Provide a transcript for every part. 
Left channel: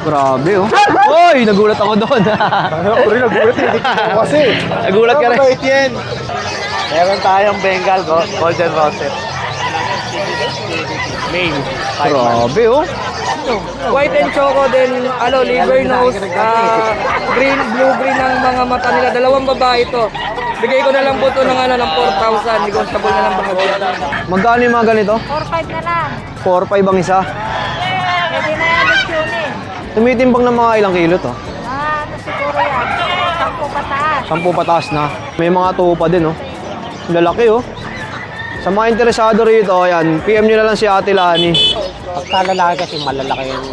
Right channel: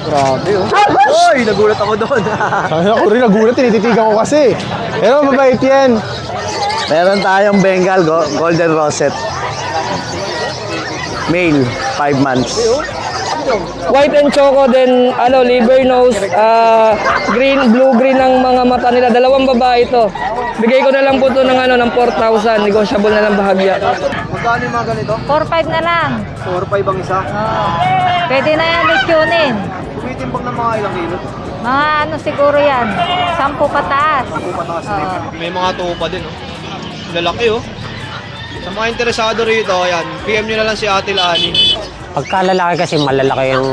Grabe oh. Uy, nagulat ako doon. Ako rin nagulat, tinititigan ko kasi. Nagulat ka ba, Etienne? Meron tayong Bengal Golden Rosette. Male, 5 months. Grabe oh. White and choco, then liver nose, green, blue-green ang mga mata nila. Dalawang babae ito. Bigay ko na lang po ito ng 4,000. Negotiable na lang bahagya. Magkano yung mga ganito? 4-5 na lang. 4-5 ang isa. Pwede na yan lechonin. Tumitimbang ng mga ilang kilo to? Mga siguro yan, 10 pataas. 10 pataas na. May mga tupa din oh. Lalaki oh. Sa mga interesado rito, ayan, PM nyo na lang si Ate Lani. Pagka lalaki kasi malalaki yung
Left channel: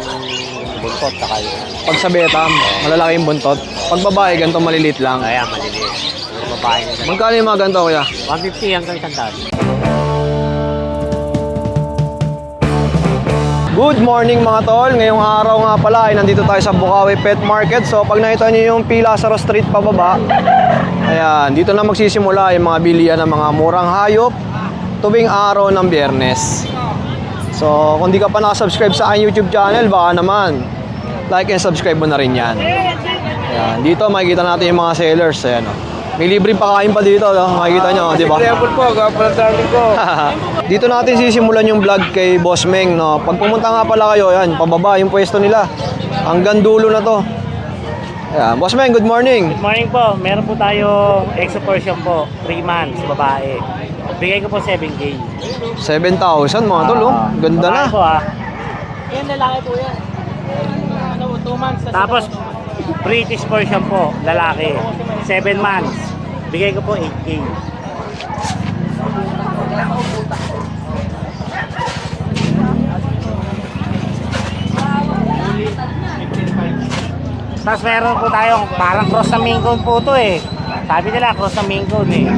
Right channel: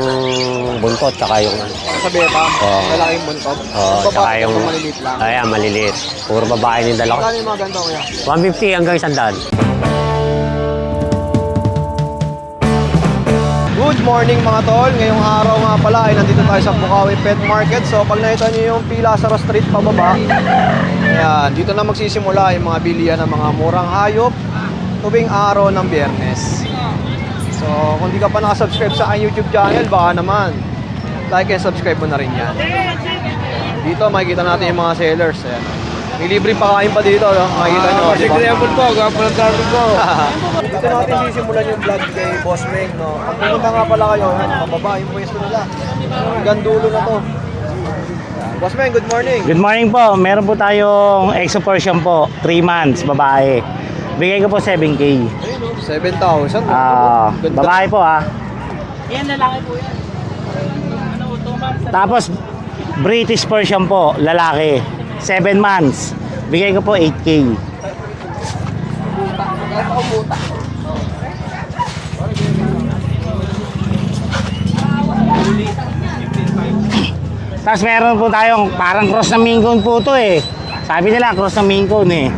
buntot tsaka yung Pag sa Bepam, malalaki yung buntot. Pag babae, tsaka ganito maliliit lang. Kaya maliliit. Puro babae yung dalawa. Magkano yung mga ganito, kuya? 150 hanggang 100. Good morning mga tol. Ngayong araw nga pala ay nandito tayo sa Bukawi Pet Market. So pag nakita niyo yung pila sa street pababa, ayan, dito na magsisimula yung mga bilihan ng mga murang hayop tuwing araw ng Biyernes. So kung di ka pa nakasubscribe sa aking YouTube channel, baka naman like and subscribe mo na rin yan. Ayan, dito makikita natin yung mga sellers. Ayan, oh. May libreng pakain pa dito, no? Makikita nyo, di ba? po, gwapo ng dami ko. Dito natin sisimulan yung vlog kay Boss Meng, no? Pag pumunta nga pala kayo, yan, pababa yung pwesto nila. Hanggang dulo na to. Ayan. Boss Meng, good morning. Good morning po. Meron po tayong exo Persian po. 3 months, babae. Bigay ko po 7K. 7,000 mga tol, oh. Ganda babae na. po Tapos British Persian po, lalaki. 7 months. Bigay ko po 8K. Tapos meron po tayong parang cross na Maine Coon po to eh. Sabi nila cross na Maine Coon eh.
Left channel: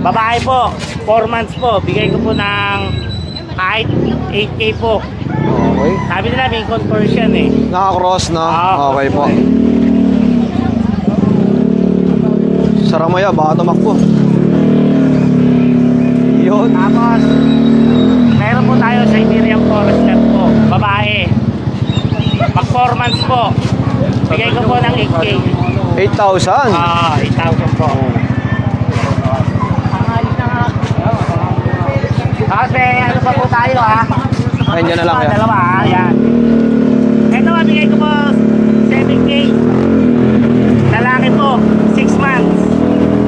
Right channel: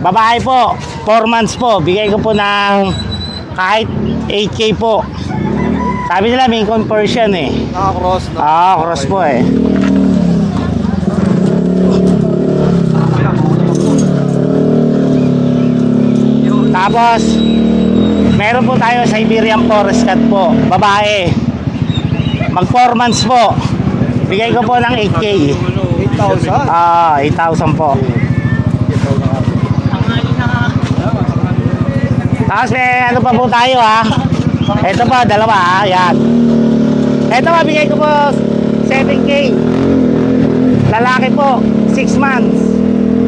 Babae po, 4 months po. Bigay ko po ng kahit 8K po. Okay. Sabi nila Maine Coon Persian eh. Naka-cross na. Cross po eh. Saramaya, baka tumakbo. Yun. Tapos, meron po tayo Siberian Forest Cat po. Babae. Mag 4 months po. Bigay ko po ng 8K. 8,000. 8,000 po. Tapos ano pa po tayo Ay, Ito dyan na po, lang yan. dalawa yan. Ito po, bigay ko po 7K. Lalaki po, 6 months.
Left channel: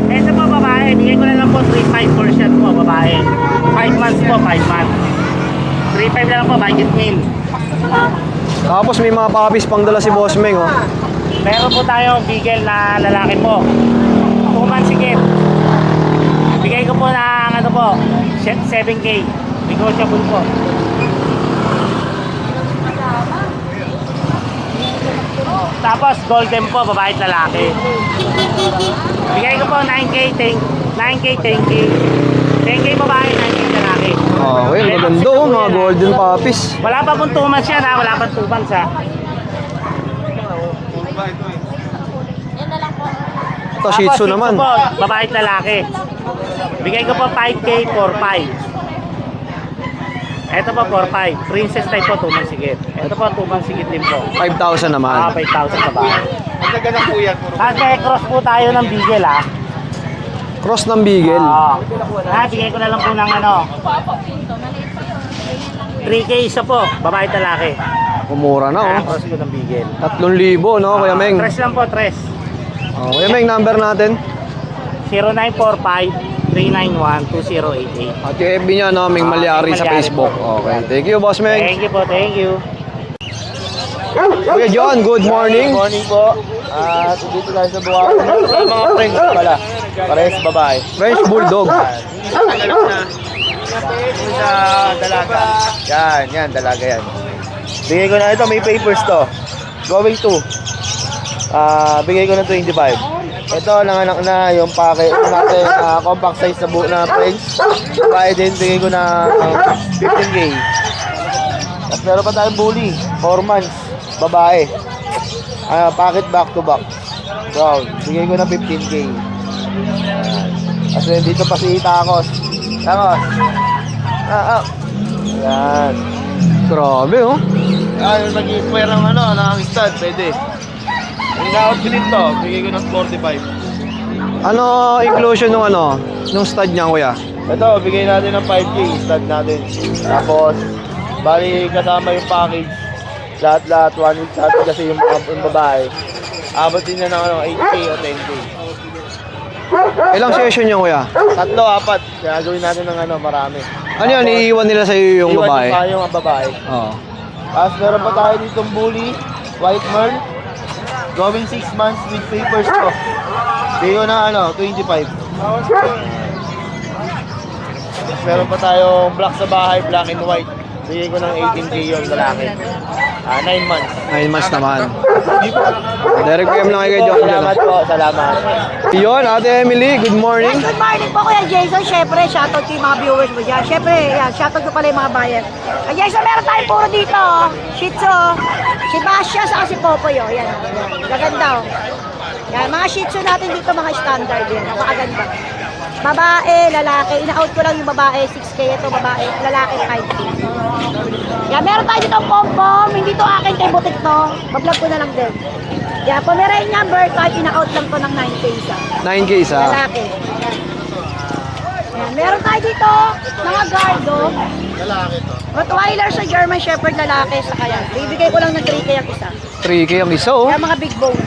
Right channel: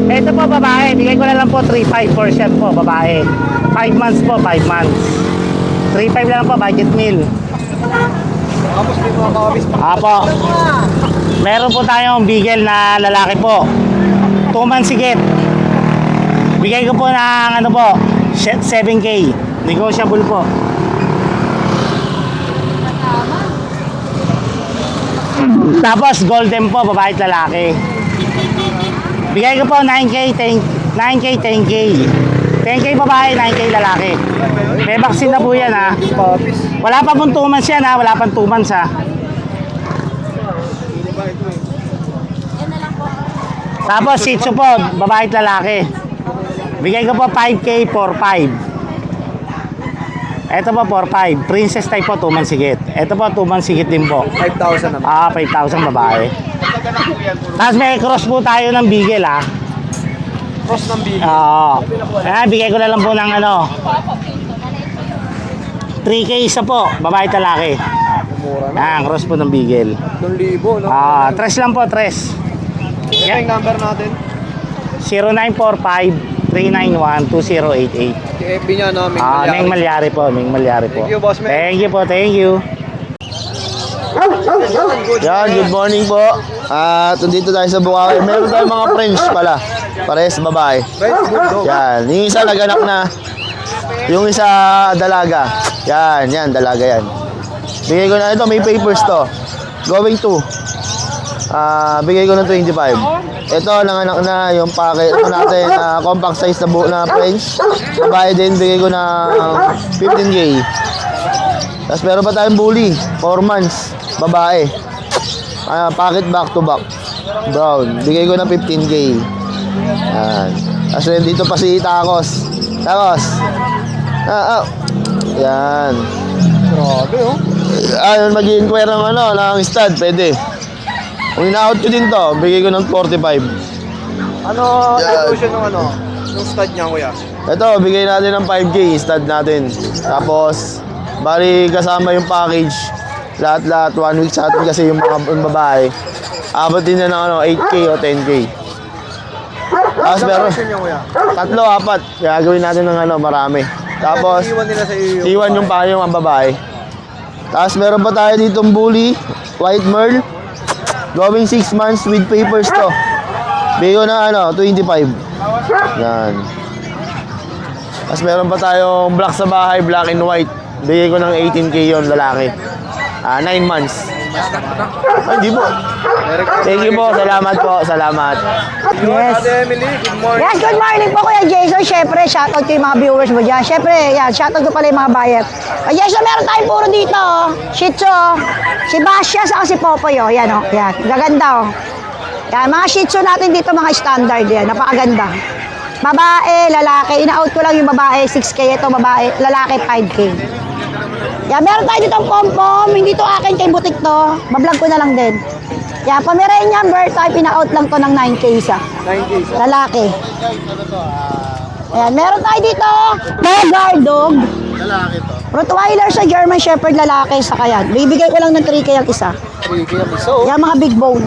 Ito po, babae. Bigay ko na lang po 3,500 for shot po, babae. 5 months po, 5 months. 3,500 na lang po, budget meal. Tapos may mga puppies pang dala si Apo. Boss Meng, oh. Meron po tayong bigel na lalaki po. 2 months higit. Bigay ko po ng 7K. Negotiable po. Tapos golden po, babae at lalaki. Bigay ko po 9K, 10K. 10K babae, 9K lalaki. Okay, May maganda, vaccine na po mga yan, golden puppies. Wala pa pong 2 months yan wala pang 2 months Ito, Tapos Shih Shih Tzu Tzu naman. po, babae at lalaki. Bigay ko po 5K for 5. Ito po 4-5. Princess type po, 2 months higit. Ito po 2 months higit din po. 5,000 naman. 5,000 babae. Tapos may cross po tayo ng bigel Cross ng bigel. Bigay ko na lang po ng 3K isa po, babae at lalaki. Umura na, oh. Cross po ng bigel. 3,000, no, Kuya Meng? Tres lang po, tres. Kuya Meng, number natin. 0945-391-2088. At yung FB niya, no, Meng Malyari sa Facebook. Meng Malyari po. Thank you, Boss Meng. Thank you po, thank you. Kuya John, good morning. Good morning po. At nandito tayo sa Bukawi. Meron tayong mga French pala. Parehas babae. French Bulldog. Yan. Yung isa naganak na. Yung isa dalaga. Yan, dalaga yan. Bigay ko na ito, may papers to. Going to. Bigay ko na 25. Ito, nanganak na yung packet natin, compact size na French. Babae din, bigay ko na 15K. Tapos meron pa tayong bully, 4 months, babae. Packet back to back. Brown, bigay ko na 15K. Tapos dito pa si Tacos. Tacos. Yan. Grabe, oh. mag-i-inquire ng ng stud, pwede. Kung ina-out ko din to, bigay ko ng 45. Ano inclusion nung stud niya, kuya? Ito, bigay natin ng 5K, stud natin. Tapos, bali kasama yung package. Lahat-lahat, 1 week sa atin kasi yung babae. Abot din na ng 8K o 10K. Ilang session niya, kuya? 3, 4. Kaya gawin natin ng marami. Ano yan, Tapos, iiwan nila sa iyo yung iwan babae? yung payong ang babae. Oo. Tapos meron pa tayo ditong bully, white merl. Going 6 months with papers to. Bigay ko na 25. Yan. Tapos meron pa tayong black sa bahay, black and white. Bigay ko ng 18K yon lalaki. 9 months. 9 months naman. Hindi po. Direct PM Thank na you kay po. Jordan. Salamat po. Salamat. Yun, Ate Emily, good morning. Yes, good morning po Kuya Jason. Siyempre, shoutout ko yung mga viewers mo dyan. Siyempre, yan, shoutout ko pala yung mga buyer. Kuya Jason, meron tayong puro dito, oh. Shih Tzu, oh. Si Basya, saka si Popoy, oh. Yan, oh. Yan, gaganda, oh. Yan, mga Shih Tzu natin dito, mga standard yan. Napakaganda. Babae, lalaki. Ina-out ko lang yung babae, 6K. Ito, babae, lalaki, 5K. Yan, meron tayo dito ang pom-pom. Hindi to akin, kay butik to. Bablog ko na lang din. Yan, Pomeranian bird type, ina-out lang to ng 9K isa. 9K sa... Lalaki. Ayan, meron tayo dito, mga guard dog. Lalaki to. Rottweiler sa German Shepherd lalaki sa kayan. Bibigay ko lang ng 3K ang isa. 3K ang isa, oh. Yan, mga big bone.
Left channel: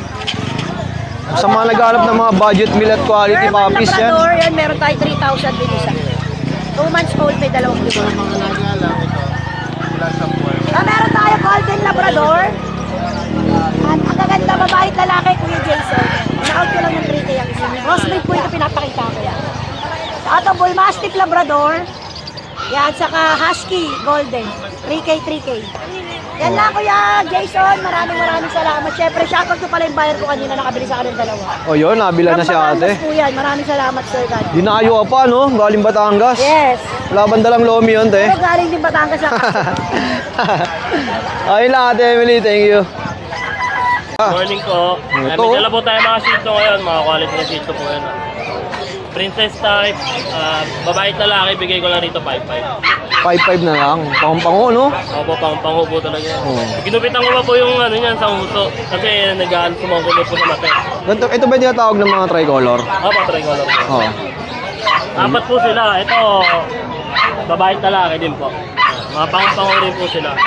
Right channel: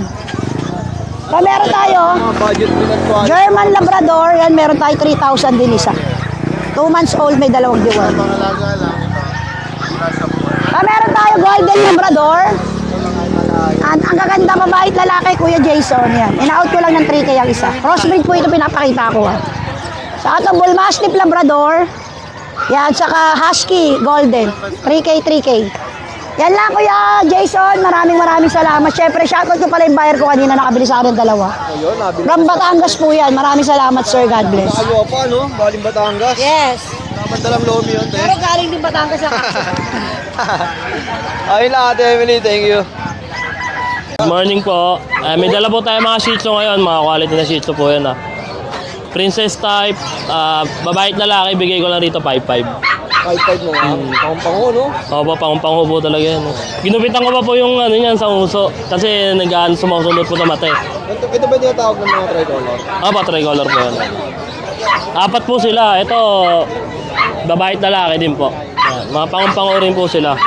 Sa mga nagharap ng mga budget meal at quality, German mga fish yan. Labrador, yan, meron tayo 3,000 din isa. 2 months old, may dalawang diwan. Alaga lang ito. Meron tayo Golden Labrador. At ang gaganda mabait lalaki, Kuya Jason. Yan. In-out ko lang ng 3K ang isa. Crossbreed po ito pinapakita ko. Sa atong Bull Mastiff Labrador. Yan, saka Husky Golden. 3K, 3K. Yan lang, Kuya Jason. Maraming salamat. Siyempre, shoutout ko pala yung buyer ko kanina. Nakabili sa akin ng dalawa. O yun, nabila na From siya, Batangas ate. po yan. Maraming salamat, sir. God bless. Binayo ka pa, no? Galing Batangas. Yes. Wala bang dalang lomi yun, te? Pero galing din Batangas ang kaso. Ayun lang, Ate Emily. Thank you. Good morning po. May dala po tayo mga Shih Tzu ngayon, mga quality na Shih Tzu po yan. Princess type, babae at lalaki, bigay ko lang dito 5-5. 5-5 na lang. Pang-pango, no? Ako po, pang-pango po talaga yan. Ginupitan ko pa po yung niyan sa uso kasi sumusunod po na mata eh. Ito ba yung tinatawag ng mga tricolor? Ako pa, tricolor po yan. Oo. 4 po sila. Ito, babae at lalaki din po. Mga pang-pango rin po sila.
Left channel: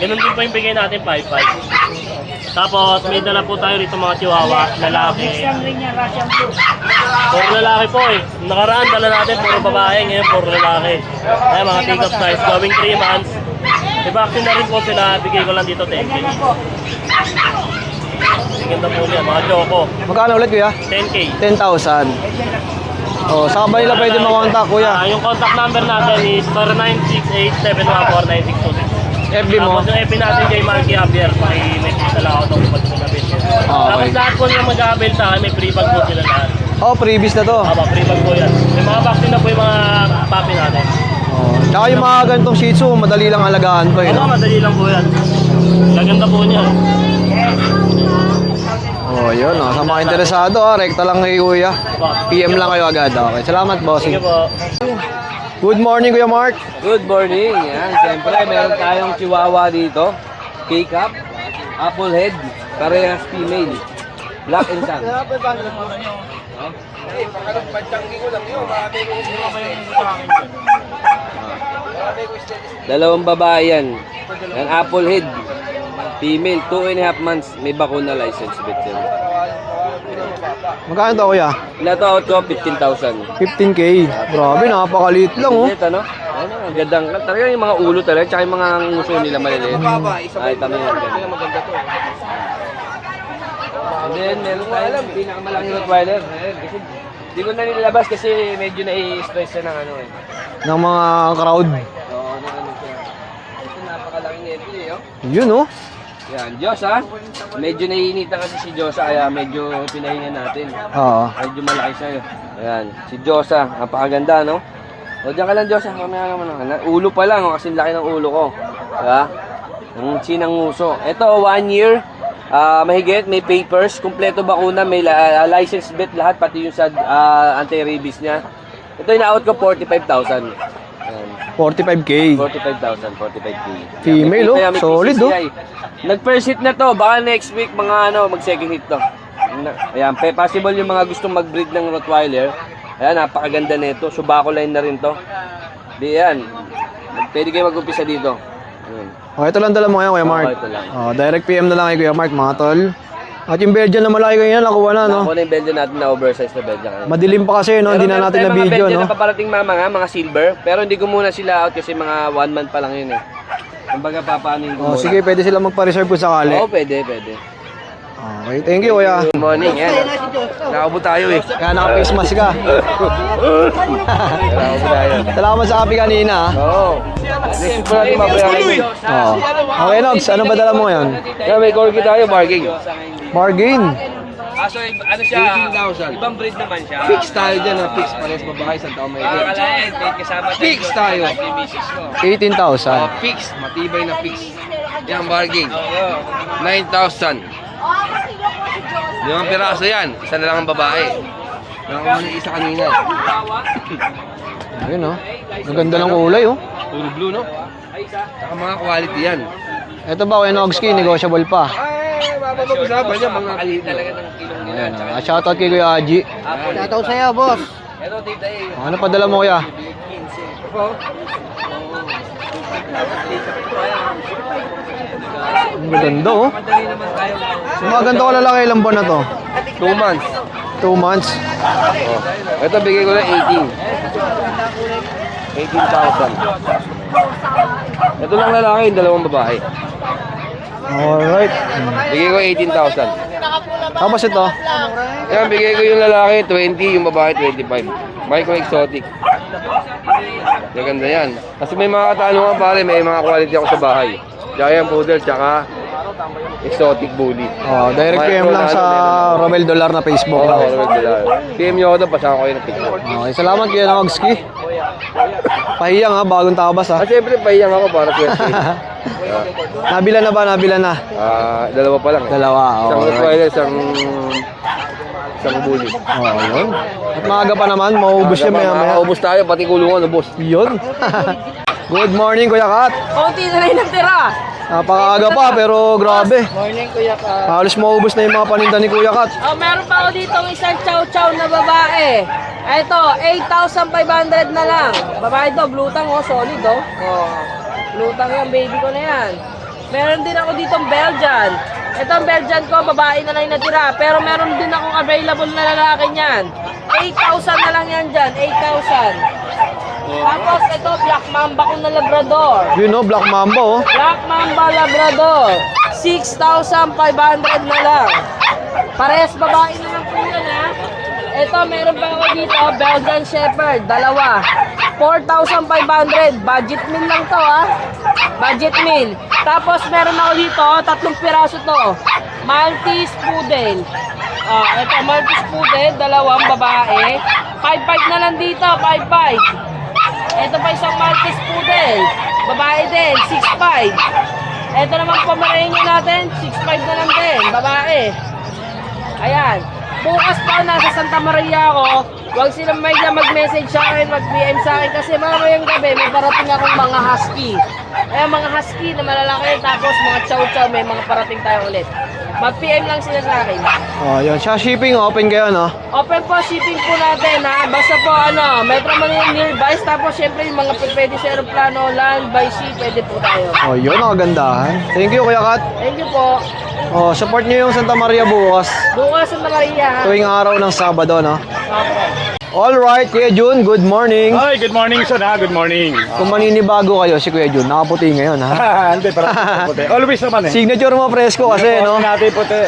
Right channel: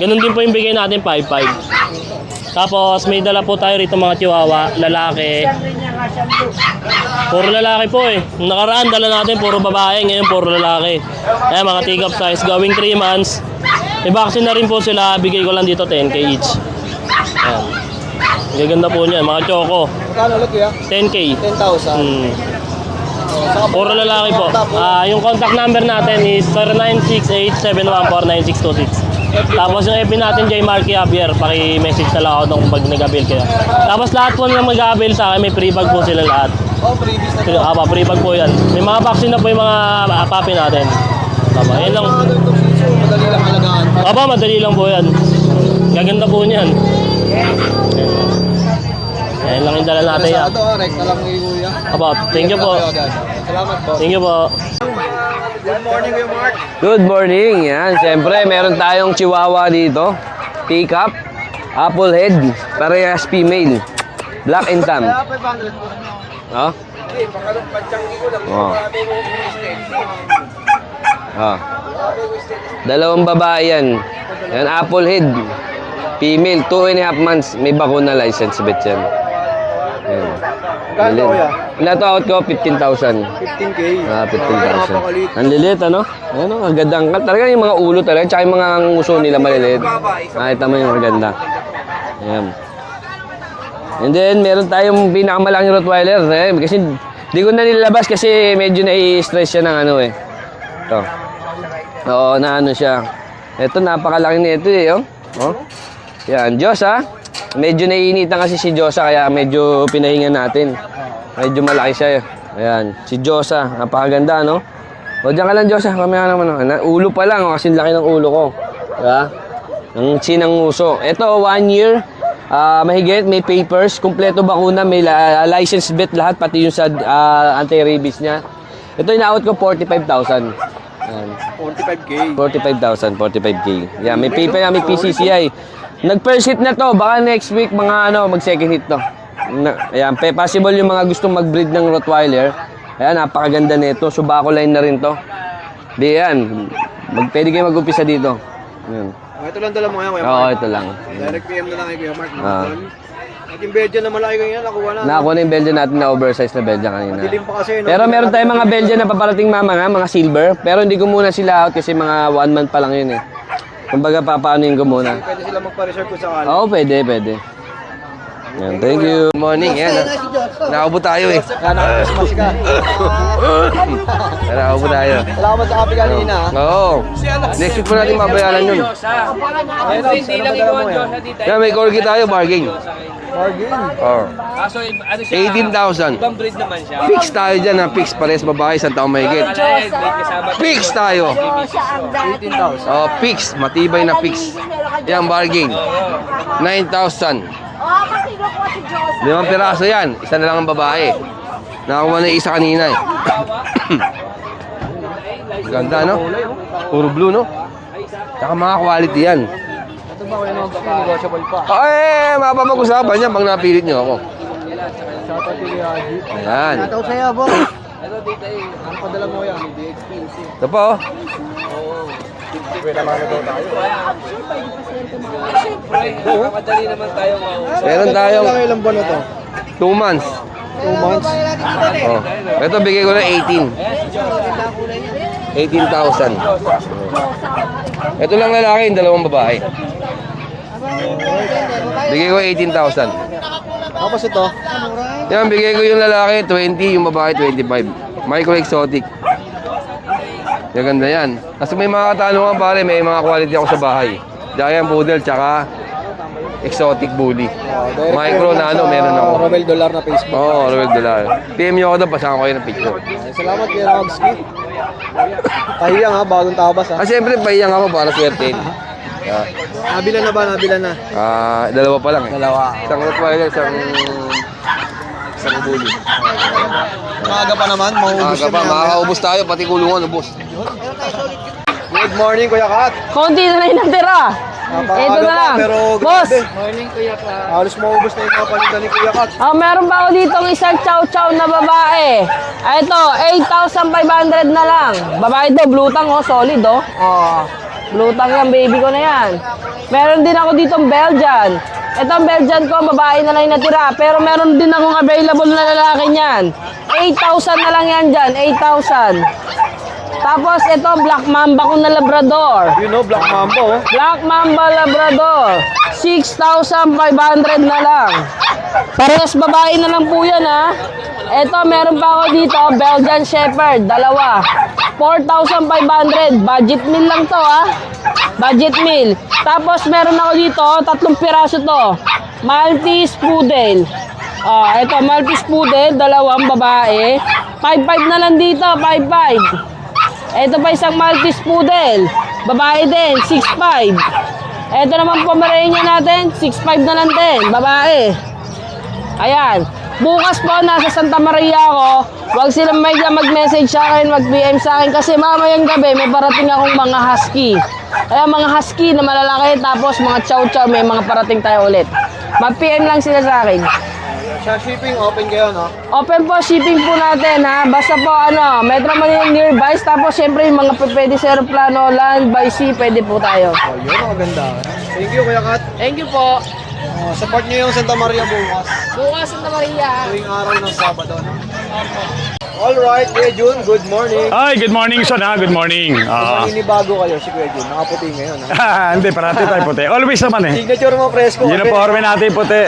Ganun din po yung bigay natin 5-5. Tapos may dala po tayo rito mga chihuahua, lalaki. Puro lalaki po eh. Nung nakaraan, dala natin puro babae, ngayon puro lalaki. Ay, mga take-up size, going 3 months. May vaccine na rin po sila, bigay ko lang dito 10K each. Ayan. Hindi ganda po niya, mga choco. Magkano ulit, kuya? 10K. 10,000. Oh, sabay lang kayo ng mga contact, kuya. Yung contact number natin is 0968-714-9626. Tapos yung FB natin kay Marky Javier, paki-message na lang ako doon pag nag-avail kayo. Tapos lahat po nilang mag-avail sa akin, may free bag po sila lahat. Oh, previous na to. Free bag po yan. May mga vaccine na po yung mga puppy natin. Saka yung mga ganitong Shih Tzu, madali lang alagaan pa yun. Aba, madali lang po yan. Laganda po niyan. Oh, yun. Ayun lang Sa ang mga dala natin interesado, rekta lang kay kuya. Aba, PM lang kayo agad. Okay, salamat, boss. Thank you po. Good morning, Kuya Mark. Good morning. Yan, siyempre meron tayong chihuahua dito. Take-up, apple head, parehas female. Black and tan. No? Oh. Oh. Dalawang babae yan. Yan, apple head. Female, 2.5 months. May bakuna license, bet yan. Yan. Magkano to, kuya? Pinataot ko, 15,000. 15K. Ah, 15,000. Grabe, napakaliit lang, Ang oh. liit, ano? Ano, ang gandang cut. Talaga yung mga ulo talaga, tsaka yung mga nguso nila maliliit. Nakita mo yung maganda. Ayan. And then, meron tayong pinakamalaking Rottweiler. Kasi, di ko na nilalabas kasi medyo nai-stress siya ng ano eh. Ng mga crowd. Oo, na ano siya. Ito, napakalaki nito eh, oh. Yun, oh. Yan, Diyosa. Medyo naiinitan kasi si Diyosa, kaya medyo pinahinga natin. Oo. Medyo malaki siya. Ayan, si Diyosa. Napakaganda, no? O, diyan ka lang, Diyosa. Mamaya naman. Ulo pa lang, oh, kasi laki ng ulo ko. Diba? Ang sinang uso. Ito, 1 year. Mahigit, may papers. Kompleto bakuna. May license vet lahat, pati yung sa anti-rabies niya. Ito, ina-out ko 45,000. Ayan. 45K. 45,000, 45K. Yan, may Female, PPI, may solid, PCCI. Nag-first hit na to, baka next week mga mag-second hit to. Ayan, possible yung mga gustong mag-breed ng Rottweiler. Ayan, napakaganda nito. Subako line na rin to. Di yan, pwede kayo mag-umpisa dito. Ayan. Oh, ito lang dala mo ngayon, Kuya Mark. ito lang. Oh, direct PM na lang kay Kuya Mark, mga tol. At yung Belgian na malaki ganyan, nakuha na, no? Nakakuha na yung Belgian natin na oversized na Belgian kanina. Madilim pa kasi, no? Pero Hindi na meron natin tayong mga na-video, Belgian no? na paparating mga silver. Pero hindi ko muna sila out kasi mga 1 month pa lang yun eh. Kumbaga papaanuin ko Oh, muna. sige, pwede sila magpa-reserve kung sakali. Oo, pwede. Okay, thank you, Kuya. Good morning. Yan. Nakaupo tayo eh. Kaya naka-Christmas ka. Nakaupo tayo. Salamat sa kape kanina, ha? Oo. Next week po natin mabayaran yun. Oo. Okay, Logs, ano ba dala mo yan? Yan, may corgi tayo, bargain. Bargain. Oo. 18,000. Ibang breed naman siya. Fix tayo dyan ha. Fix. Pares babae, isang taong may higit. Fix tayo. 18,000. Oh, fix. Matibay na fix. Yan, bargain. 9,000. 5 piraso yan. Isa na lang ang babae. Nakakuha na yung isa kanina eh. Ayun, no? Ganda ng kulay, oh. Puro blue, no? Tsaka mga quality yan. Ito ba, Kuya Nogski, negotiable pa. Ay, mapapag-usapan niya pag napilit niyo ako. Ayan, shoutout kay Kuya Haji. Yan. Shoutout sa'yo, boss. Ano pa dala mo, Kuya? Ito po. Maganda, oh. Ang ganda ko na lang ilang buwan na to. 2 months. 2 months. Oh. Ito, bigay ko na 18. 18,000. Ito lang lalaki, yung dalawang babae. Alright. Bigay ko 18,000. Tapos ito. Yan, bigay ko yung lalaki 20, yung babae 25. Micro exotic. Maganda yan. Kasi may mga katanungan pare, may mga quality ako sa bahay. Giant poodle, tsaka exotic bully. Oh, direct Micro PM lang na sa meron ako. Romel Dollar na Facebook. Oo, $1. PM nyo ako doon, pasama ko yung picture. Okay, salamat Kuya Nogski. Pahiyang, ha, bagong tabas, ha. Ah, siyempre, pahiyang ako para swerte. Nabila na ba? Nabila na. Dalawa pa lang. Dalawa, Isang Rottweiler, isang bully. Maaga pa naman, maubos na maya. Makaubos tayo, pati kulungan, ubos. Yun. Good morning, Kuya Kat. Konti na rin ang tira. Napakaaga Ito na pa, lang. pero grabe. Halos maubos na yung mga paninda ni Kuya Kat. Meron pa ako ditong isang chow-chow na babae. Ito, 8,500 na lang. Babae to, blue tang, oh, solid, oh. Blue tang yan, baby ko na yan. Meron din ako ditong Belgian. Ito ang Belgian ko, babae na lang yung natira. Pero meron din akong available na lalaki niyan. 8,000 na lang yan dyan, 8,000. Tapos ito, Black Mamba ko na Labrador. You know, Black Mamba, oh. Black Mamba Labrador, 6,500 na lang. Parehas babae na lang po yan, ha. Ito, meron pa ako dito, Belgian Shepherd, dalawa. 4,500, budget meal lang to, ha. Budget meal. Tapos meron ako dito, 3 piraso to. Maltese Poodle. Ito, Maltese Poodle, dalawang babae. 5,500 na lang dito, 5,500. Ito pa isang Maltese Poodle. Babae din, 6,500. Ito naman Pomeranian natin, 6,500 na lang din, babae. Ayan. Bukas po, nasa Santa Maria ako. Huwag silang mag-message sa akin, mag-PM sa akin. Kasi mamayang gabi, may parating akong mga husky. Ayan, mga husky na malalaki. Tapos mga chow-chow, may mga parating tayo ulit. Mag-PM lang sila sa akin. Oh, yun. Siya shipping, open kayo, no? Open po, shipping po natin, ha. Basta po, Metro Manila nearby. Tapos, syempre, yung mga pwede sa aeroplano, land, by sea, pwede po tayo. Oh, yun, nakagandahan. Thank you, Kuya Kat. Thank you po. Oh, support niyo yung Santa Maria bukas. Bukas sa Maria. Tuwing araw ng Sabado, no? Alright, Kuya Jun, good morning. Hi, good morning, son, ha? Good morning. Kung maninibago kayo, si Kuya Jun, nakaputi ngayon, ha? Hindi, parati tayo puti. Always naman eh. Signature mo, presko kasi. Uniforme natin puti.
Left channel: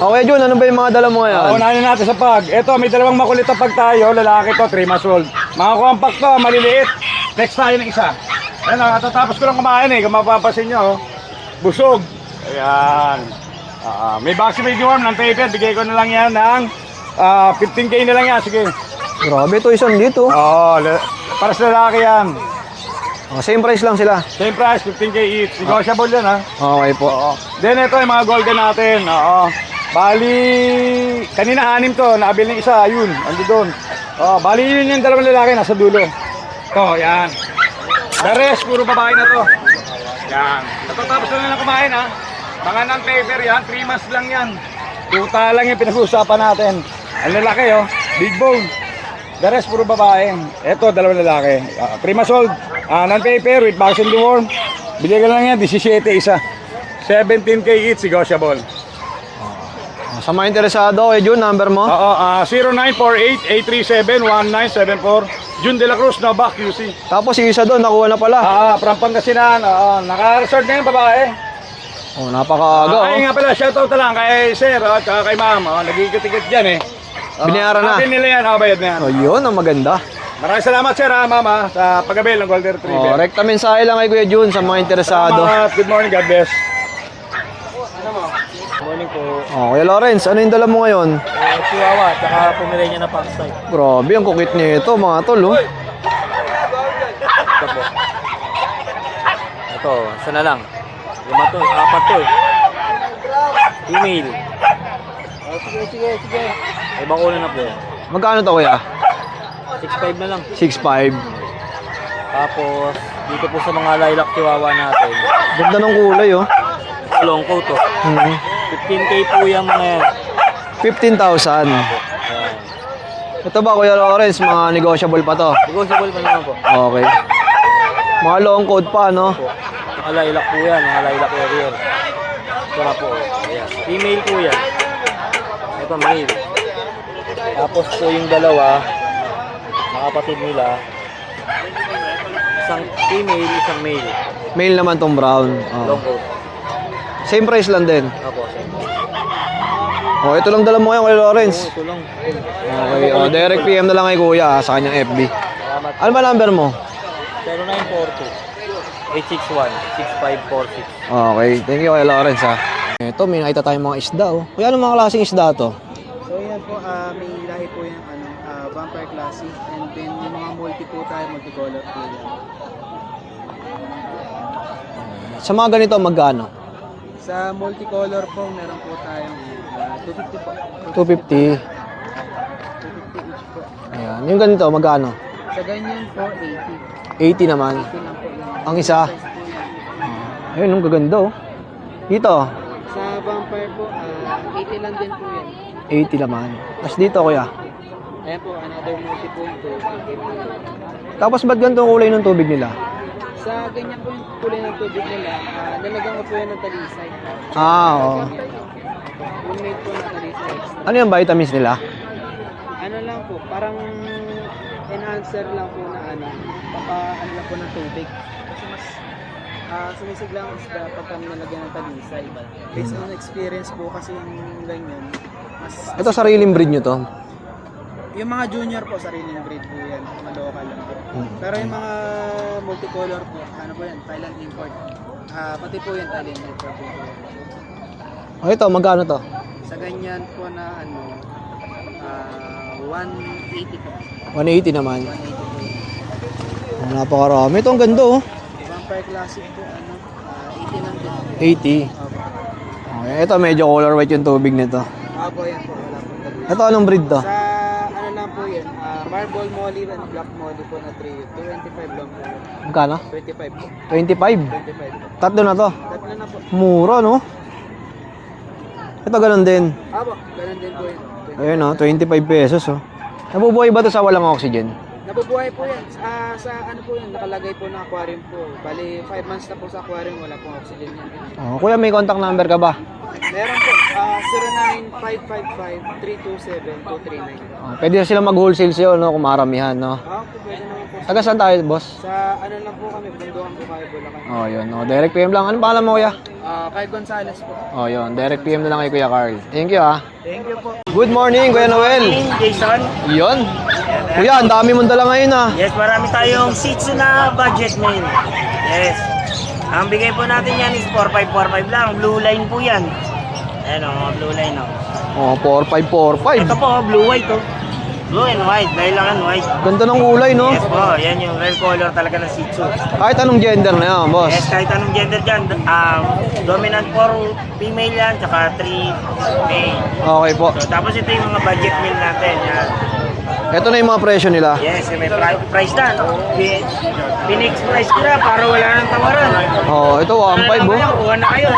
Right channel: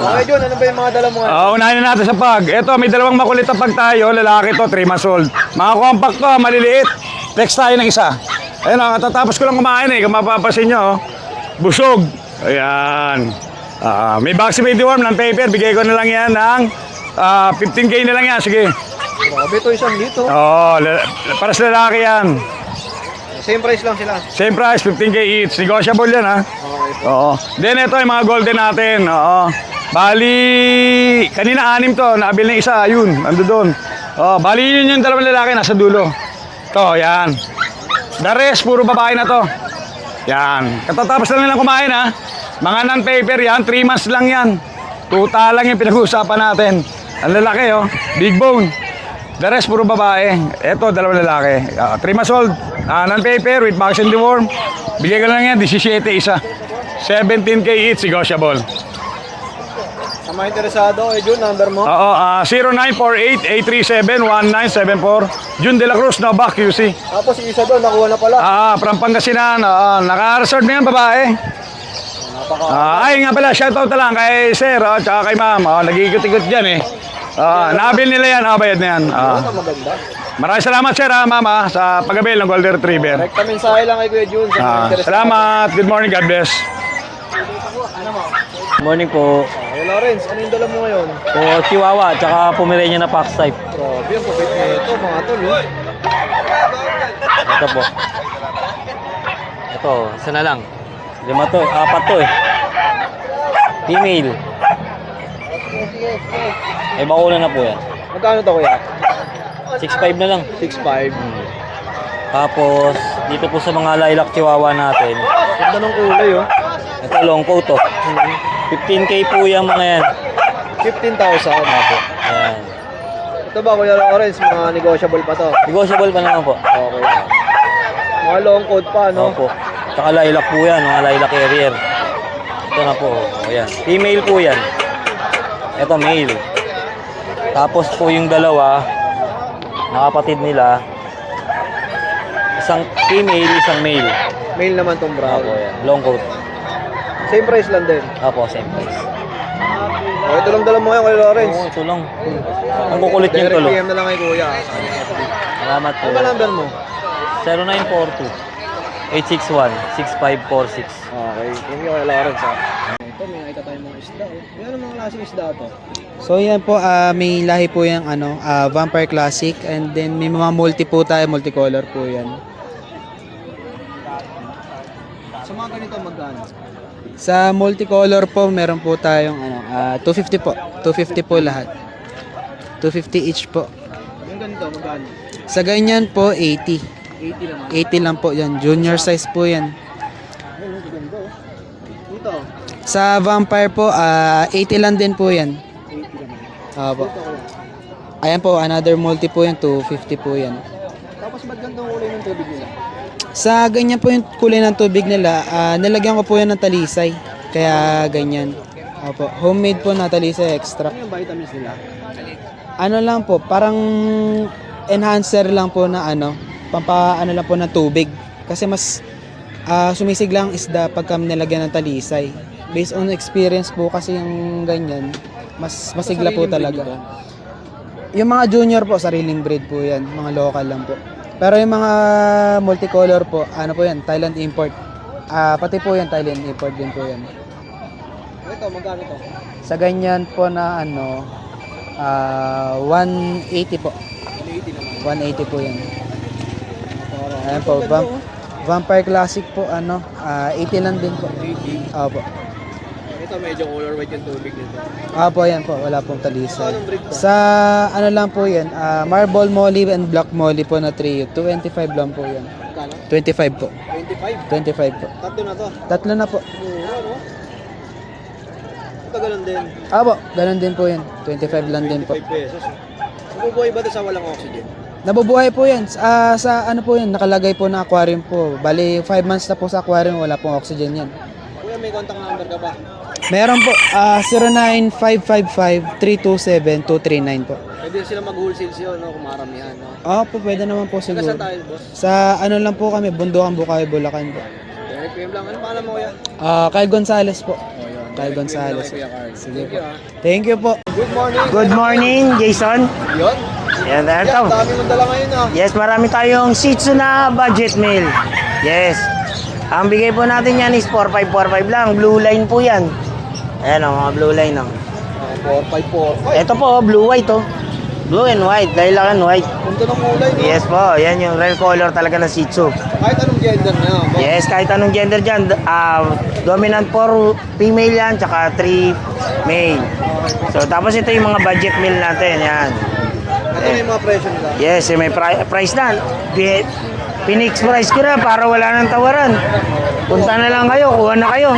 Okay, Jun, ano ba yung mga dala mo ngayon? Unahin natin sa pag. Ito, may dalawang makulit na pag tayo. Lalaki to, 3 months old. Mga compact to, maliliit. Text tayo ng isa. Ayun, nakatatapos ko lang kumain eh. Kung mapapasin nyo, oh. Busog. Ayan. May vaccine, may deworm ng paper. Bigay ko na lang yan ng 15K na lang yan. Sige. Grabe, ito isang dito. Para sa lalaki yan. Same price lang sila. Same price, 15K each. Negotiable yan, ha? Okay po. Oo. Then ito yung mga golden natin. Oo. Bali, kanina 6 to. Nabili na isa, yun. Ando doon. Bali yun yung dalawang lalaki nasa dulo. Ito, yan. The rest, puro babae na to. Yan. Katatapos lang nilang kumain ha. Mga non-paper yan, 3 months lang yan. Tuta lang yung pinag-uusapan natin. Ang lalaki oh, big bone. The rest, puro babae. Ito, 2 lalaki. 3 months old, non-paper with vaccine deworm. Bigay ko lang yan, 17 isa. 17K each, negotiable. Sa mga interesado, Jun, number mo? Oo, 0948-837-1974. Jun De La Cruz, Nova, QC. Tapos yung isa doon, nakuha na pala. From Pangasinan, naka-reserve din yung babae. Oh, napakaaga. Ay nga pala, shoutout na lang kay Sir, tsaka kay Ma'am. Nag-iikot-ikot dyan eh. Nabil nila yan, bayad na yan. Yun, ang maganda. Maraming salamat Sir, Ma'am, sa pag-abil ng Golden Retriever. Correct. Mensahe lang kay Kuya Jun sa mga interesado. Salamat, good morning, God bless. Morning po. Oh, Kuya Lawrence, ano yung dala mo ngayon? Chihuahua, tsaka Pomeranian na Fox type. Grabe, ang kukit nito, mga tol, oh. Ito po. Ito, isa na lang. 5 to, 4 to eh. Female. Ay, mauna na po yan. Magkano to, Kuya? 6'5 na lang. 6'5". Tapos, dito po sa mga lilac chihuahua natin. Ganda ng kulay, oh. Ito, long coat to. 15K po yung mga yan. 15,000. Ayan. Ito ba, Kuya Lawrence, mga negotiable pa to? Negotiable pa naman po. Okay. Mga long coat pa, no? Opo. Tsaka lilac po yan, mga lilac carrier. Ito na po. Ayan. Female po yan. Ito, male. Tapos po yung dalawa, mga kapatid nila, isang female, isang male. Male naman tong brown. Long coat. Same price lang din. Opo, same price. Oh, ito lang dala mo kayo, Kuya Lawrence. Ito lang. Okay, Kukulit yung direct tulo. PM na lang kay Kuya, sa kanyang FB. Salamat po. Ano ba number mo? 0942-861-6546. Okay, thank you, Kuya Lawrence, ha. Ito, may nakita tayong mga isda, oh. Kuya, anong mga klaseng isda to? So yan po, may lahi po yung Vampire Classic, and then may mga multi po tayo, multicolor po yan. Sa mga ganito, magkano? Sa multicolor po, meron po tayong 250 po. 250 po 250. lahat. 250 each po. Ayan. Yung ganito, magkano? Sa ganyan po, 80. 80 naman. 80 lang po yan. Junior isa? size po yan. Ayun, ang gaganda, oh. Dito, Sa Vampire po, 80 lang din po yan. 80 naman. Tapos Apo. dito, Kuya. Ayan po, another multi po yan, 250 po yan. Tapos ba't ganito ang kulay ng tubig nila? Sa ganyan po yung kulay ng tubig nila, nilagyan ko po yan ng talisay. Kaya oo. ganyan. Opo. Homemade po na talisay extra. Ano yung vitamins nila? Ano lang po, parang enhancer lang po na ano lang po na tubig. Kasi mas sumisigla ang isda pagka nilagyan ng talisay. Based on experience po kasi yung ganyan, mas Ito, masigla sariling po breed talaga. nyo to? Yung mga junior po, sariling breed po yan. Mga local lang po. Pero yung mga multicolor po, ano po yan, Thailand import. Pati po yan, Thailand import din po yan. Oh, ito, magkano to? Sa ganyan po na 180 po. 180 naman. 180 po yan. Napakarami. Ito, ang ganda, oh. Vampire Classic po, 80 lang din po. 80. Opo. Okay, ito, medyo color white yung tubig nito. Opo, yan po. Wala pong talisay. Ito, anong breed to? Sa ano lang po yan, Marble Molly and Black Molly po na trio. 25 lang po yan. Magkano? 25 po. 25. 25 po. Tatlo na to. Tatlo na po. Mura, no? Ito, ganun din. Opo, ganun din po yan. 25 Ayun, lang din po. 25 pesos, oh. Nabubuhay ba ito sa walang oxygen? Nabubuhay po yan. Sa ano po yan, nakalagay po na aquarium po. Bali, 5 months na po sa aquarium, wala pong oxygen yan. Oh, kuya, may contact number ka ba? Meron po, 09555-327-239 po. Pwede na sila mag-wholesale sa'yo, no? Kung maramihan, no? Po, pwede naman po. Taga saan tayo, boss? Sa ano lang po kami, Bundukan, Bukawi, Bulacan. Oh, yun. Oh, direct PM lang. Anong pangalan mo, kuya? Kyle Gonzales po. Oh, yun. Kyle Direct PM lang kay Gonzales. Kuya Carl. Thank you, ah. Thank you po. Good morning, Good Kuya Noel. morning, Jason. Yun. Yan, Kuya, ang dami mong dala ngayon, ah. Yes, marami tayong Shih Tzu na budget meal. Yes. Ang bigay po natin yan is 4545 lang. Blue line po yan. Ayan o, mga blue line o. Oh, 4545. Ito po, blue white o. Blue and white, dahil lang white. Ganda ng kulay, no? Yes po, yan yung rare color talaga ng Shih Tzu. Kahit anong gender na yan, boss. Yes, kahit anong gender dyan. Dominant 4 female yan, tsaka 3 male. Okay po. So, tapos ito yung mga budget meal natin. Yan. Ito na yung mga presyo nila. Yes, may price na. Pin-express ko na para wala nang tawaran. Oh, ito Punta na lang 1.5 kayo, oh. kuha na kayo.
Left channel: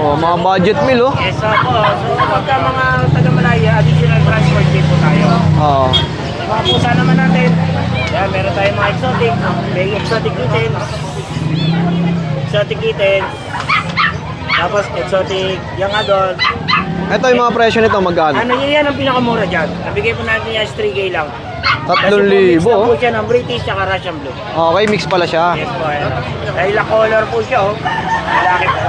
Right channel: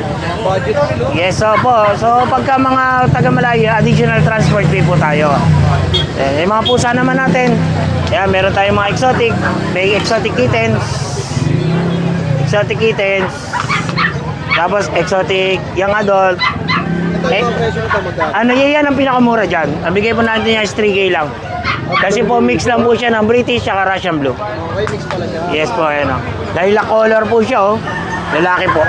Oh, mga budget meal oh. Yes, po. So, pagka mga taga-Malaya, additional transport fee po tayo. Oh. Eh, mga pusa naman natin. Yan, meron tayong mga exotic. May exotic kittens. Exotic kittens. Tapos, exotic young adult. Ito yung mga presyo nito magkano? Ano yan ang pinakamura dyan? Ang bigay po natin yan is 3K lang. 3,000. Kasi po mix lang po siya ng British at Russian Blue. Okay, mix pala siya. Yes po, ano. Dahil na color po siya, oh. Lalaki po.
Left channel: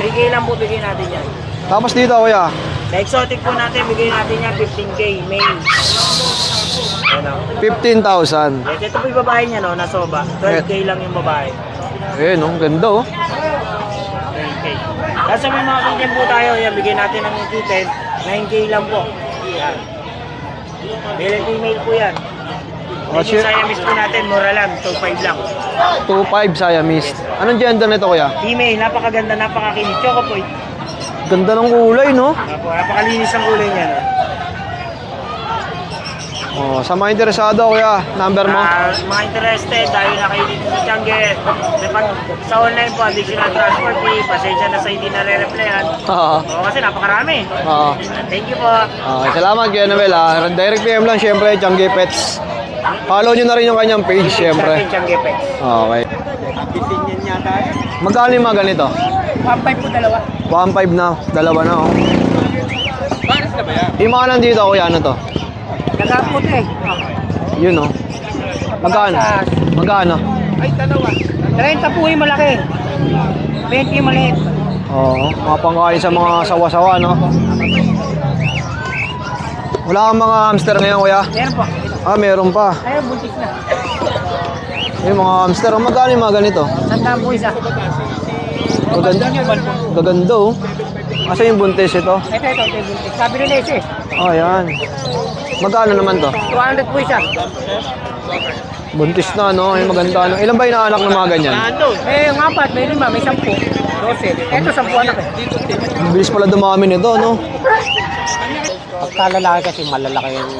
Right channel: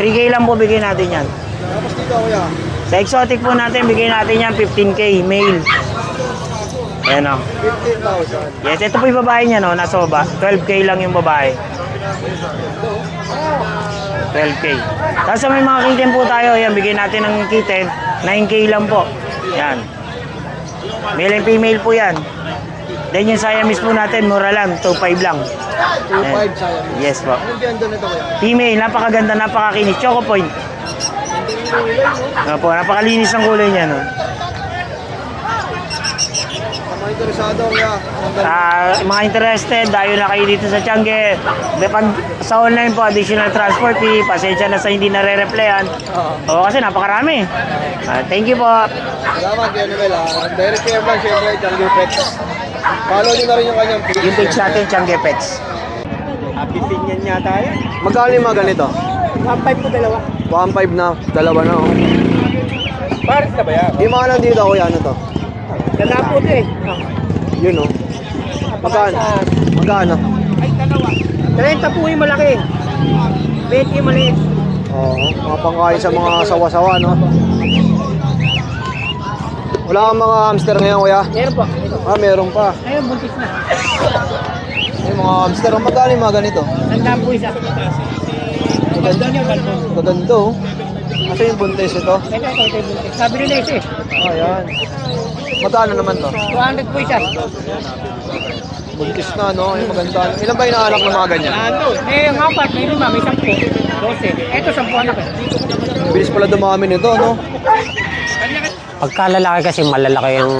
3K lang po bigay natin yan. Tapos dito kuya, Sa exotic po natin, bigay natin yan 15K male. Ayan o. 15,000. Yes, ito po yung babae niya, no, nasoba. 12K lang yung babae. Eh, no, ganda oh. 12K. Tapos may mga kitten po tayo, ayan, bigay natin ng kitten, 9K lang po. Yan. Male and female po yan. Then yung Siamese po natin, mura lang, 2.5 lang. 2.5 Siamese. Yes po. Anong gender nito kuya? Female, napakaganda, napakakinis. Choco point. Ganda ng kulay no? Po, napakalinis ang kulay niya, no. Oh, sa mga interesado kuya, number mo? Mga interested, dahil na kayo dito sa Tiangge. Sa online po, additional transport fee. Pasensya na sa hindi nare-replyan. Oo. Oo, kasi napakarami. Oo. Thank you po. Okay, salamat kuya Noel ha. Direct PM lang syempre, Tiangge Pets. Follow nyo na rin yung kanyang page Page syempre. natin, Tiangge Pets. Okay. Magkano yung mga ganito? 1.5 po dalawa. 1.5 na, dalawa na oh. Paris na ba yan? Yung mga nandito kuya, ano to? Nagkakot eh. Yun oh. Magkano? Magkano? Ay, dalawa. 30 po yung malaki. 20 yung maliit. Oo, mapangkain sa mga sawa-sawa no? Wala kang mga hamster ngayon kuya? Meron po. Ah, meron pa. Ayun, buntis na. Yung mga hamster, oh, magkano yung mga ganito? Sandaan po isa. Gaganda oh. Kasi yung buntis ito. Ito, buntis. Sabi nila isa eh. Oh, yan. Magkano naman to? 200 po isa. Buntis na, no? Ay, maganda. Ano. Ilan ba yung anak ng mga ganyan? Ano? Eh, yung apat, may 5, may 10. 12. Ito, 10 anak eh. Ang bilis pala dumami nito, no? Pagka lalaki kasi malalaki yung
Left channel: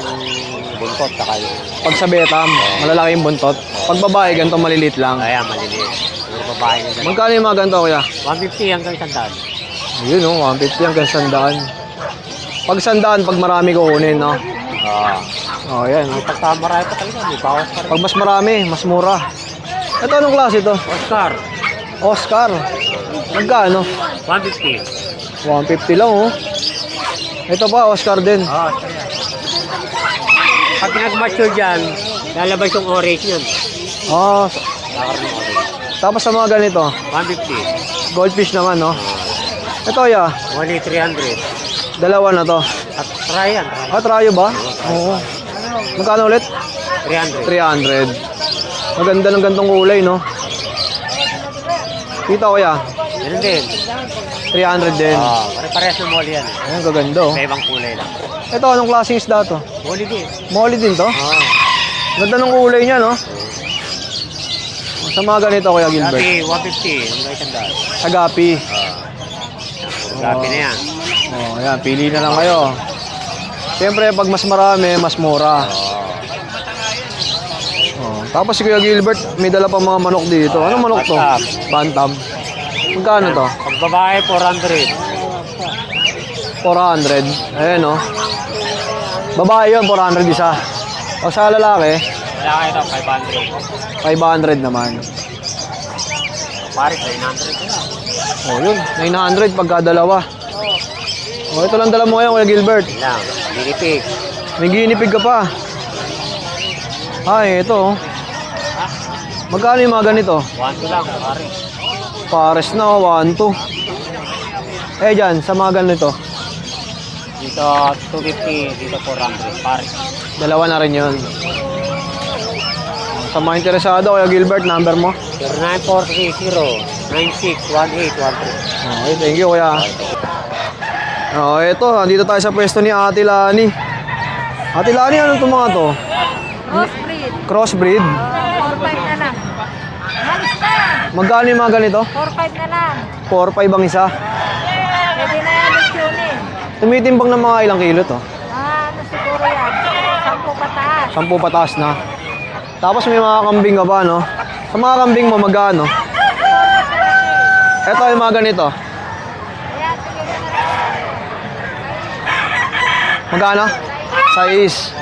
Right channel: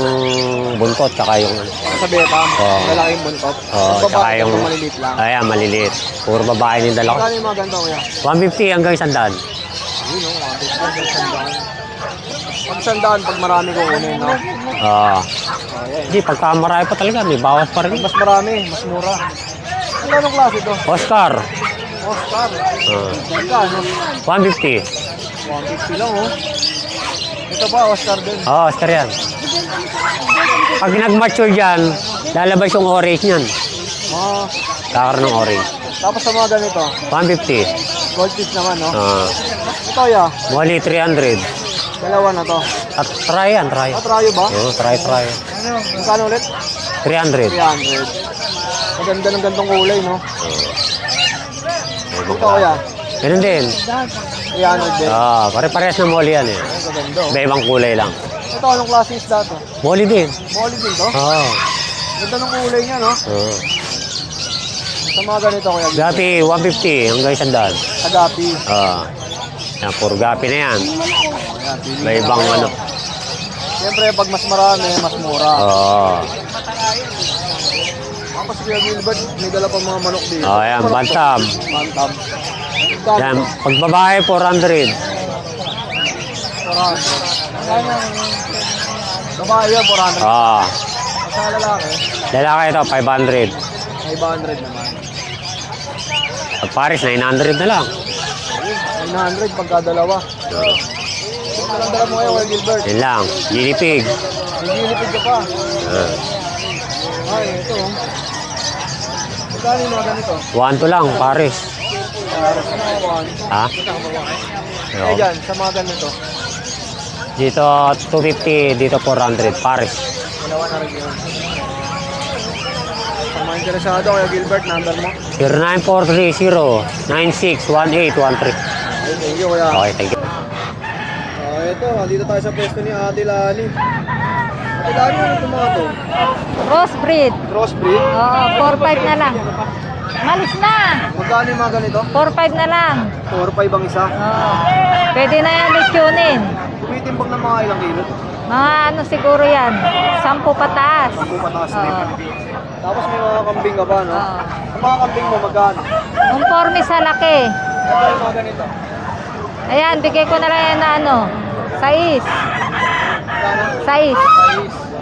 buntot tsaka yung... Pag sa Betam, malalaki yung buntot. Pag babae, tsaka ganito maliliit lang. Ayan, maliliit. Puro babae yung dalawa. Magkano yung mga ganito, kuya? 150 hanggang 100. Yun, no? 150 hanggang 100. Pag 100, pag marami kukunin, no? Oh, yan. Hindi, pagka marami pa talaga, may bawas pa rin. Pag mas marami, mas mura. Ito anong klase ito? Oscar. Oscar. Magkano? 150. 150 lang, oh. Ito pa, Oscar din. Oscar yan. Pag nag-mature dyan, lalabas yung orange niyan. Oh, Takar ng orange. tapos sa mga ganito, 150. goldfish naman, no? Ito, ya. 180, 300. Dalawa na to. At try yan, try. Ah, tryo ba? Yung try. Magkano ulit? 300. 300. Maganda ng gantong kulay, no? Dito, kuya. Ganun din. 300 din. Pare-parehas na molly yan eh. Ang gaganda, oh. May ibang kulay lang. Ito, anong klaseng isda to? Molly din. Molly din to? Ganda ng kulay niya, no? Sa mga ganito, kuya Gilbert. Gapi, 150 hanggang 100. Agapi. Yan, puro gapi na yan. Oh, yan, pili May na lang ibang kayo. ano. Siyempre, pag mas marami, mas mura. Tapos si Kuya Gilbert, may dala pa mga manok dito. Oh, Ano yan, manok to? bantam. Bantam. Magkano to? Pag babae, 400. 400. Ayan, oh. Babae yun, 400 isa. O sa lalaki, Lalaki ito, 500. 500 naman. Pag Paris, 900 na lang. O yun, 900 pagka dalawa. O ito lang dala mo ngayon, Kuya Gilbert. Yun lang. Guinea pig. May ginipig ka pa. Ay, ito, oh. Magkano yung mga ganito? 1 lang, Paris. Pares na, 1, 2. Ha? Eh, dyan, sa mga ganito. Dito, 250. Dito, 400. Paris. Dalawa na rin yun. Sa mga interesado, Kuya Gilbert, number mo? 09430-961813. Okay, thank you, Kuya. Okay, thank you. Ito, andito tayo sa pwesto ni Ate Lani. Ate Lani, ano itong mga to? Crossbreed. Crossbreed? 4-5 na lang. Halos na. Magkano yung mga ganito? 4-5 na lang. 4-5 ang isa. Pwede na yan lechyonin. Tumitimbang ng mga ilang kilo to? Mga ano siguro yan, 10 pataas. 10 pataas na. Tapos may mga kambing ka ba, no? Sa mga kambing mo, magkano? Conforme sa laki. Ito yung mga ganito. Ayan, bigay ko na lang yan na ano, 6. Magkano? 6. Size.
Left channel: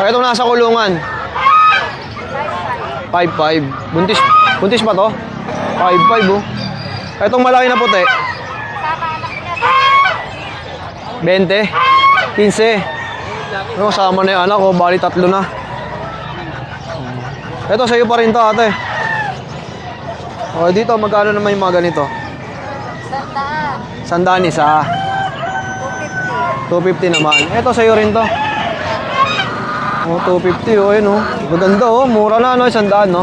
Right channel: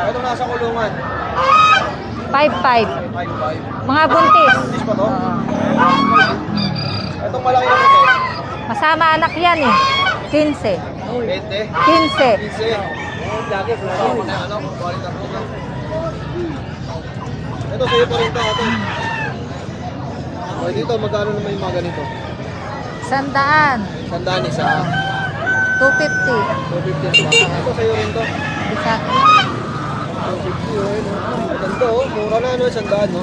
Ito nasa kulungan. 5-5. 5'5". Mga buntis. Buntis pa to? 5'5", oh. Itong malaki na puti. Kasama anak yan eh. 15. 20? 15. 15. No, sama na yung anak ko. Bali 3 na. Ito, sa'yo pa rin to, ate. O, dito, magkano naman yung mga ganito? 100. Sandaan isa. 250. 250 naman. Ito, sa'yo rin to. O, 250, oh, yun, oh. Maganda, oh. Mura na, no? 100, no?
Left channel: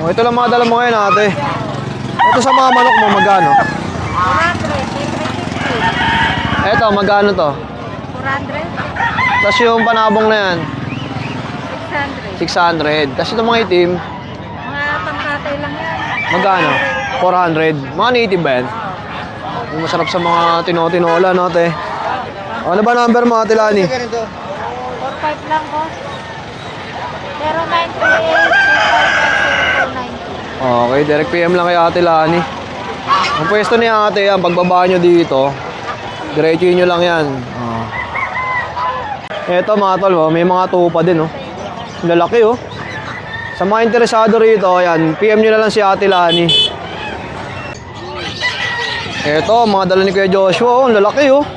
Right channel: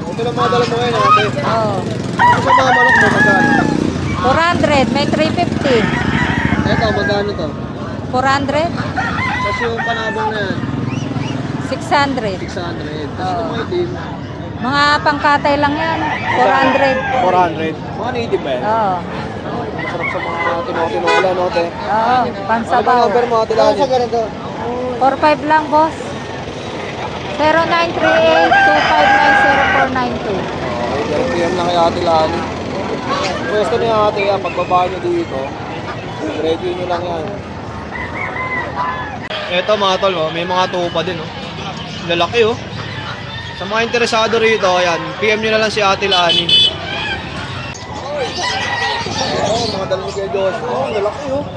O, ito lang mga dala mo ngayon, ate. Ito sa mga manok mo, magkano? 400. May 350. Ito, magkano to? 400. Tapos yung panabong na yan, 600. 600. Tapos ito mga itim, Mga pangkatay lang yan. magkano? 400. 400. Mga native ba yan? Oo. Masarap sa mga tinotinola, no, ate? Oo. Ano ba number mo, ate Lani? 45 lang, boss. 0938-259-0492. Okay, direct PM lang kay ate Lani. Ang pwesto ni ate, ang pagbaba nyo dito, diretsuhin nyo lang yan. Eto mga tol, oh, may mga tupa din, oh. Lalaki, oh. Sa mga interesado rito, ayan, PM nyo na lang si ate Lani. Eto, mga dala ni Kuya Joshua, oh, lalaki, oh.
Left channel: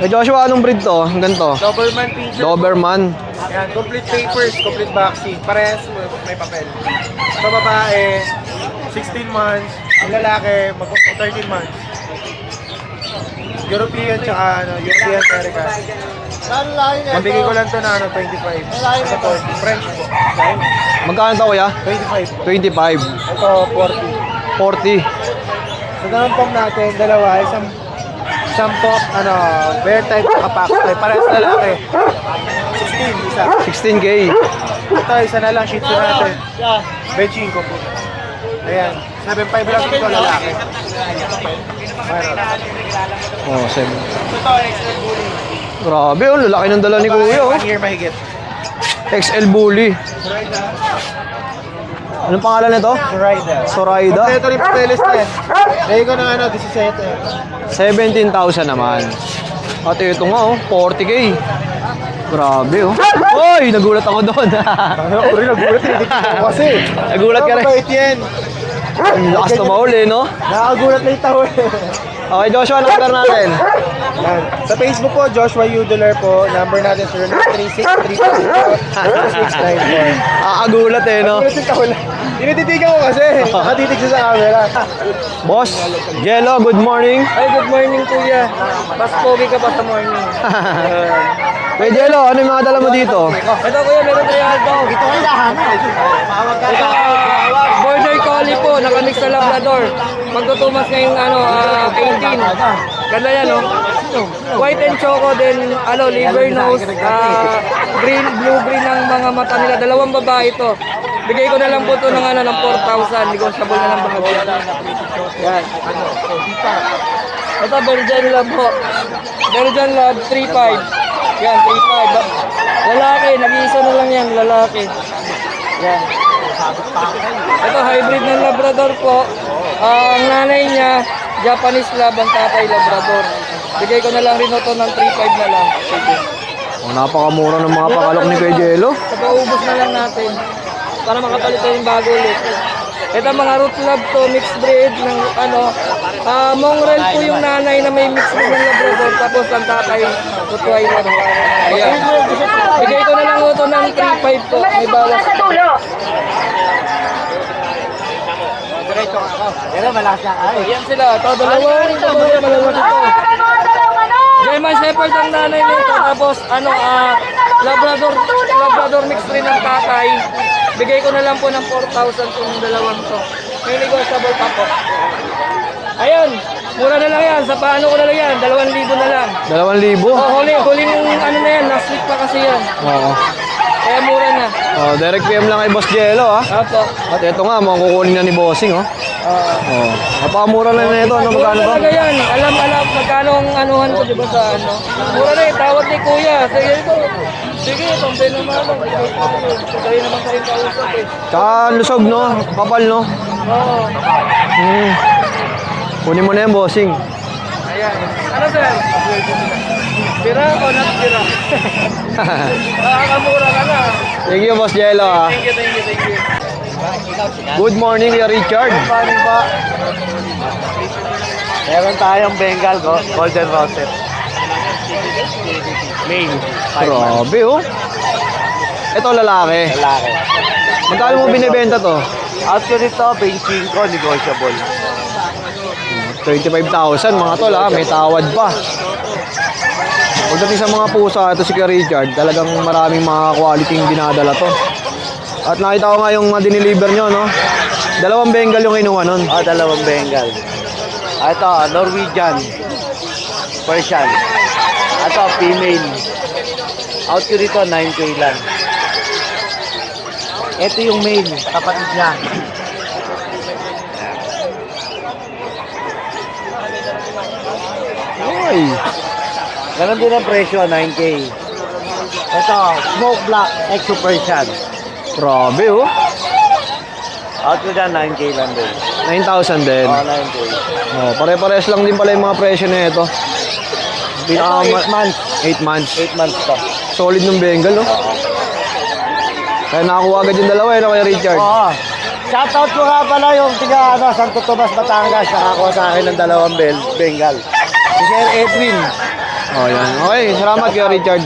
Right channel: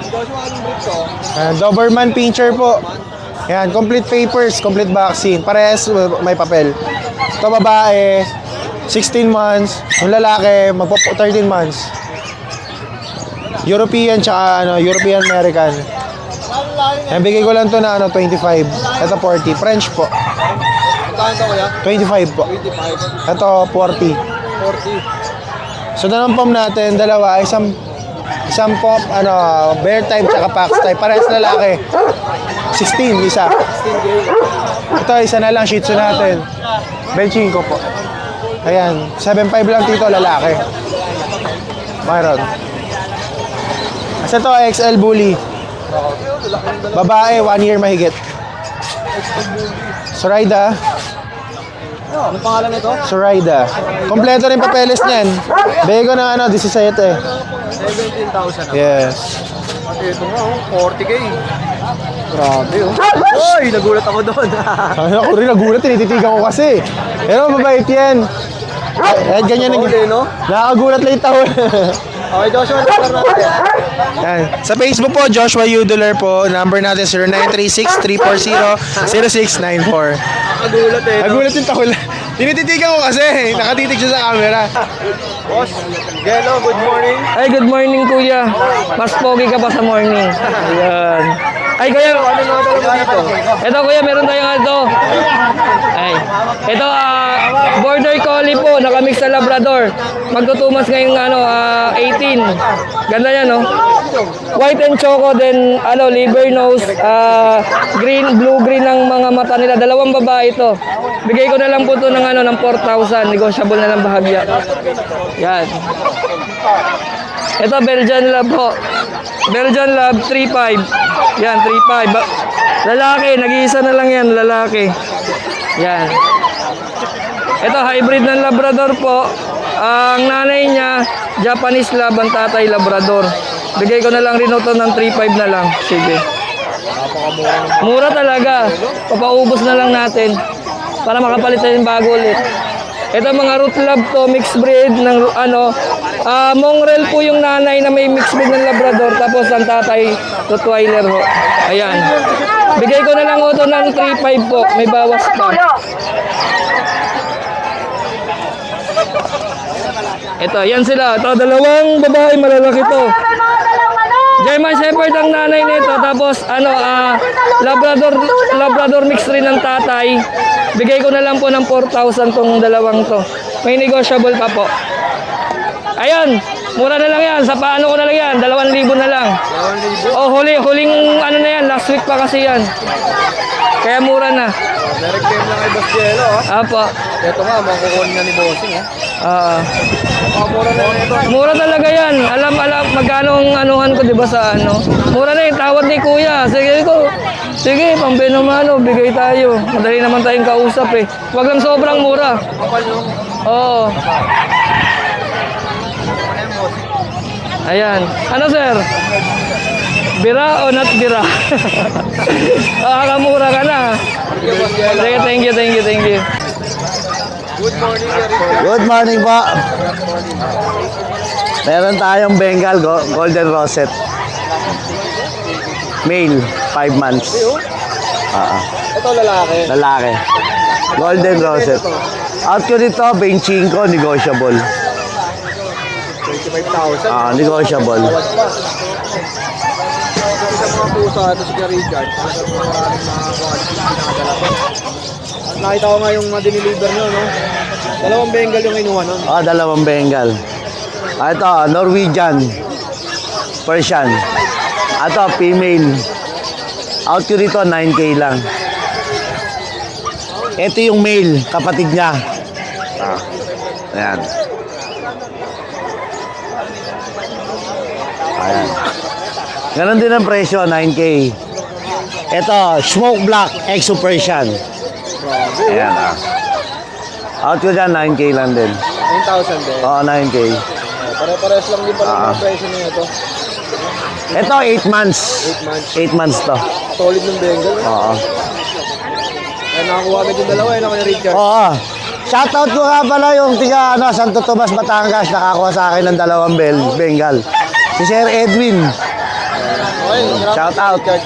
Kuya Joshua, anong breed to? Ang ganito? Doberman Pinscher po. Doberman. Yan, complete papers, complete vaccine. Parehas may papel. Ito babae, 16 months. Yung lalaki, magpo 13 months. European tsaka European American. Mabigay ko lang to na 25. Ito 40. French po. Magkano to, kuya? 25 po. 25. Ito 40. 40. So dalang pom natin, dalawa, isang pop, bear type tsaka pax type. Parehas lalaki. 16, isa. 16K. Ito, isa na lang, shih tzu natin. Benching ko po. Ayan, 7.5 lang dito, lalaki. Mayroon. Oh, 7. Isa to, XL Bully. Grabe, oh, lalaki ng dala ni Babae, Kuya. 1 year mahigit. XL Bully. Zoraida. Anong pangalan nito? Zoraida. Zoraida. Kompleto rin papeles din. Bigay ko ng 17 eh. 17,000 naman. Yes. Ate, ito nga, oh, 40K. Grabe, oh. Uy, nagulat ako doon. Ako rin nagulat, tinititigan ko kasi. Nagulat ka rin. Mabait yan. Lakas Ganyan na mauli, no? Nakagulat lang ito. Okay, Joshua, number natin. Yan. Sa Facebook po, Joshua Udular po. Number natin 0936-340-0694. Nakagulat eh, no? Nagulat yung takol. Tinititigan ko kasi. Nakatitig siya sa camera. Boss, Jello, good morning. Ay, good morning kuya. Mas pogi ka pa sa morning. Ay, Jello, ano mga dala mo dito? Ito kuya, meron tayong alto. Ay. Ito, border collie po, nakamix sa Labrador. Magtutumas ngayong 18. Ganda yan, no? White and choco, then liver nose, green, blue-green ang mga mata nila. Dalawang babae ito. Bigay ko na lang po ito ng 4,000. Negotiable na ng bahagya. Yan. Ito, Belgian Lab po. Belgian Lab, 3,500. Yan, 3,500. Lalaki, nag-iisa na lang yan, lalaki. Yan. Ito, hybrid ng Labrador po. Ang nanay niya, Japanese Lab, ang tatay Labrador. Bigay ko na lang rin ito ng 3,500 na lang. Sige. Napakamura ng mga Mura pangalan ni talaga. Kuya Jello. Papaubos na lang natin. Para makapalit tayo ng bago ulit. Ito mga root lab to, mixed breed ng mongrel po yung nanay na may mixed breed ng Labrador, tapos ang tatay, Rottweiler ho. Ayan. Bigay ko na lang ito ng 3,500 po, may bawas pa. Ito, yan sila. Ito, dalawang babae malalaki to. German Shepherd ang nanay nito, tapos Labrador mix rin ng tatay. Bigay ko na lang po ng 4,000 tong dalawang to. May negotiable pa po. Ayun, mura na lang yan. Sa paano ko na lang yan, 2,000 na lang. 2,000? Oh, huling na yan, last week pa kasi yan. Kaya mura na. Oh, direct PM lang kay Boss Jello, ha? Apo. At ito nga, makukunin na ni Bossing, oh. Napakamura na ito. Mura talaga yan. Alam, magkano ang anuhan ko, di ba, sa ano. Mura na yung tawad ni Kuya. Sige, pambay naman, bigay tayo. Madali naman tayong kausap eh. Hanggang sobrang mura. Kapal, no? Oo. Kunin mo na yung bossing. Ayan. Ano, sir? Bira o not bira? Mura ka na. Thank you, Boss Jello. Thank you. Good morning, Kuya Richard. Good morning po. Meron tayong Bengal Golden Rosette. Male, 5 months. Grabe, oh. Ito lalaki. Lalaki. Magkano mo binibenta to? Out ko dito, 25, negotiable. 35,000, mga tol, may negotiable. tawad pa. Pagdating sa mga pusa, ito si Kuya Richard, talagang maraming mga quality yung dinadala to. At nakita ko nga yung diniliver nyo, no? 2 Bengal yung kinuha nun. 2 Bengal. Ito, Norwegian. Persian. Ito, female. Out ko dito, 9K lang. Ito yung male, kapatid niya. Ayan. Ay. Ganon din ang presyo, 9K. Ito, smoke black, exo Persian. Grabe, oh. Ayan. Out ko dyan, 9K lang din. 9,000 din. 9K. Oh, pare-pares lang din pala yung mga presyo na ito. Ito, 8 months. 8 months. 8 months to. Solid ng Bengal, no? Oo. Kaya nakakuha agad yung dalawa, no, Kuya Richard? Oo. Shoutout ko nga pala yung tiga Santo Tomas, Batangas, nakakuha sa akin ng 2 Bengal. Si Sir Edwin. Oh, yan. Okay, salamat, Kuya Richard.